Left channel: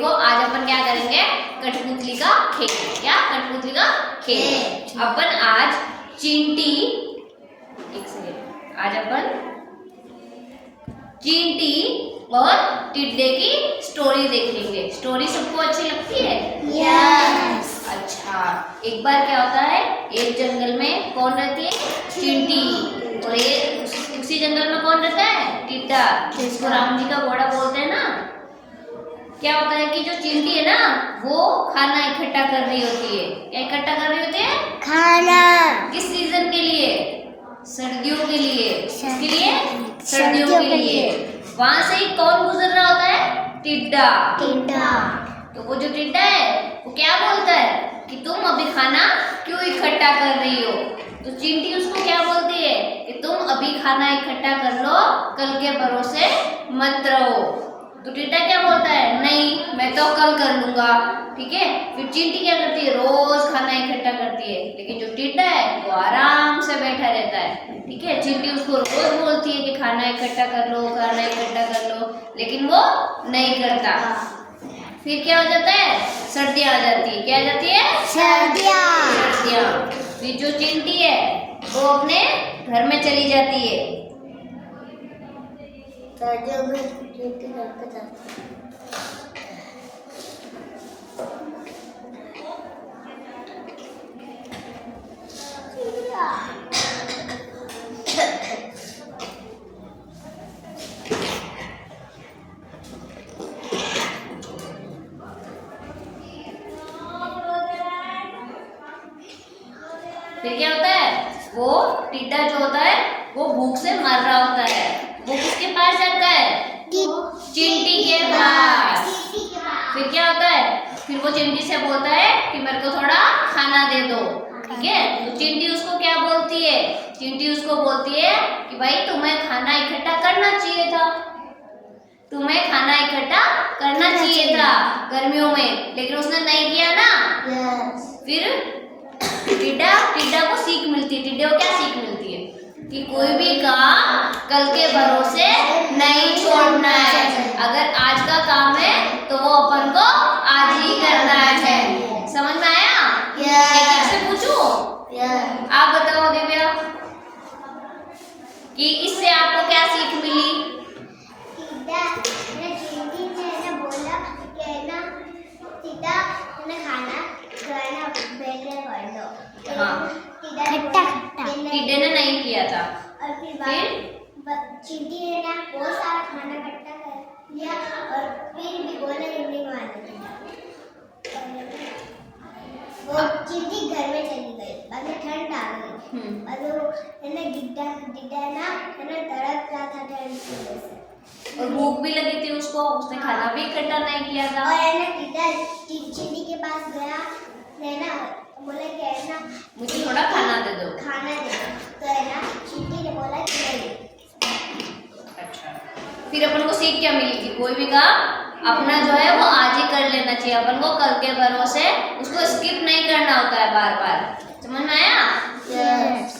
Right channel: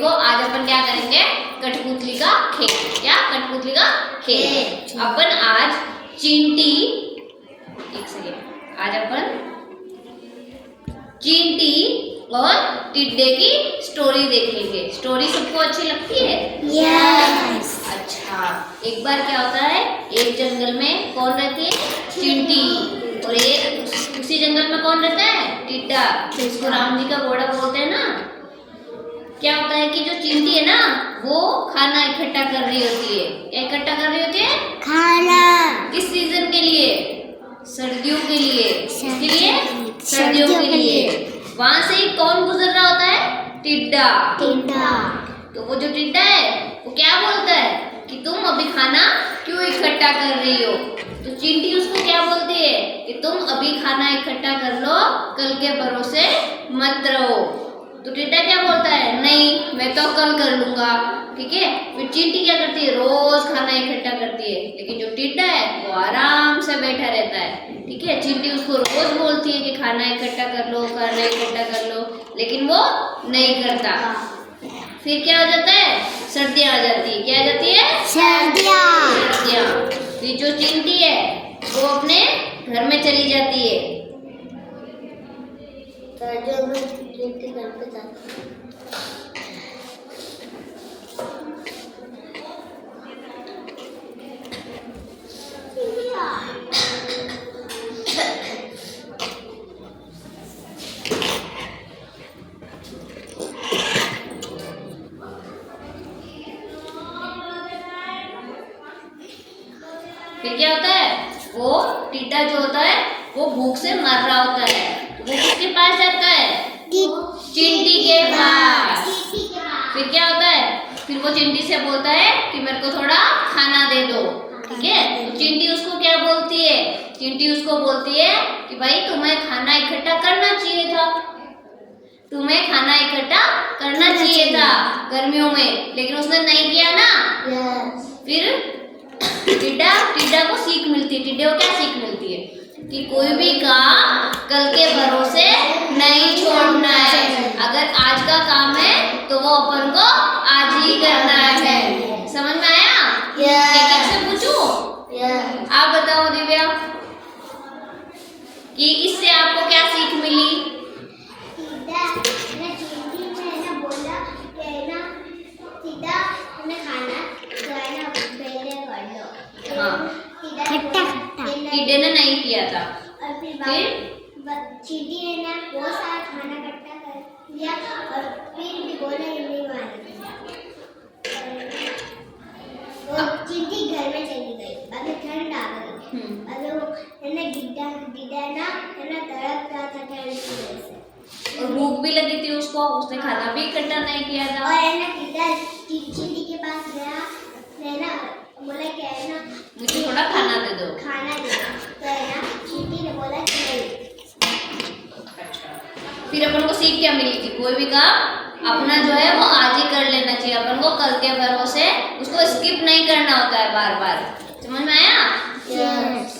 देखो आज अपन क्या करेंगे, कठपुतली का खेल। क्या कठपुतली का खेल? अपन आज चींटी, एक सेकेंड, आज अपन चींटी और टिड्डे की स्टोरी देखेंगे। स्टोरी सबको अच्छी लगती है? यस। अच्छा, एक बार क्या होता है, एक जंगल में कौन रहती है? चींटी। और ये उसी जंगल में कौन रहता है? टिड्डा, जिसको राम जी का घोड़ा बोलते हैं ना। क्या होता है कि जो चींटी है ना, वो खाना इकट्ठा कर रही होती है। क्या इकट्ठा कर रही होती है? खाना। किस सीजन के लिए? सर्दियों के लिए। किसके लिए? सर्दियों के लिए। वहां से ही कौन गुजर रहा होता है? टिड्डा। टिड्डा। तो वो जो टिड्डा है वो क्या बोलता है कि तुम अभी खाना क्यों इकट्ठा कर रही हो? तो चींटी उसको क्या बोलती है कि तुम अभी खाना इकट्ठा कर लो, कल के भरोसे मत रहो। तो टिड्डा क्या बोलता है? नहीं, मैं तो कल कर लूंगा। ठीक है, फिर चींटी क्या करती है? रोज खाना इकट्ठा करती है। लेकिन जो टिड्डा है वो आराम से बैठा रहता है। ठीक है, चींटी उसको रोज बोलती है कि खाना इकट्ठा कर लो, खाना इकट्ठा कर लो, लेकिन वो नहीं करता। फिर क्या हो जाता है? सर्दियाँ आ जाती है। क्या आ जाती है? सर्दियाँ। फिर जो चींटी है वो अपने घर में चली जाती है। सर्दियों में चींटी घर पे जाती है। फिर क्या होता है? वो टिड्डा जो होता है वो भूख से मर रहा होता है। वो किसके पास जाता है? चींटी के पास। फिर क्या होता है? फिर वो चींटी से बोलता है कि मेरे को थोड़ा खाना दे दो। ठीक है, तो चींटी उसको क्या बोलती है? चींटी उसको बोलती है कि भाई तुम्हें खाना इकट्ठा करना चाहिए था, तुम्हें खाना इकट्ठा करना चाहिए था गर्मियों में, लेकिन उसने नहीं किया ना। फिर टिड्डा को सीख मिलती है। टिड्डे को क्या सीख मिलती है? कि कोई भी काम कल के भरोसे नहीं छोड़ना है। अगर आज का काम है तो वो अपन को आज ही करना है। समझ में आया? एक से पूछूं? आप बताओ दिव्या कि इससे आपको क्या सीख मिली? टिड्डे ने नहीं किया था। और फिर चींटी ने ना बहुत सारा खाना इकट्ठा कर लिया और फिर भी बोला कि नहीं माना। वो चींटी घर में चली गई। बाद में ठंड आ गई। बाद में वो है ना टिड्डा ना है ना तड़प रहा था ठंड की वजह से, और भूख भी लगी थी उसको, उसने खाना भी इकट्ठा नहीं किया था। और है ना टिड्डा चींटी के पास गया, है ना बोला कि है ना मुझे थोड़ा खाना दे दो। तो है ना चींटी ने बोला कि नहीं। अच्छा, फिर अपन को सीख क्या मिली थी? कोई भी काम अपना जो है वो आज ही कर लेना चाहिए। अपन को कल के भरोसे उसको स्किप नहीं करना होता है बार बार। समझ में आया? यस।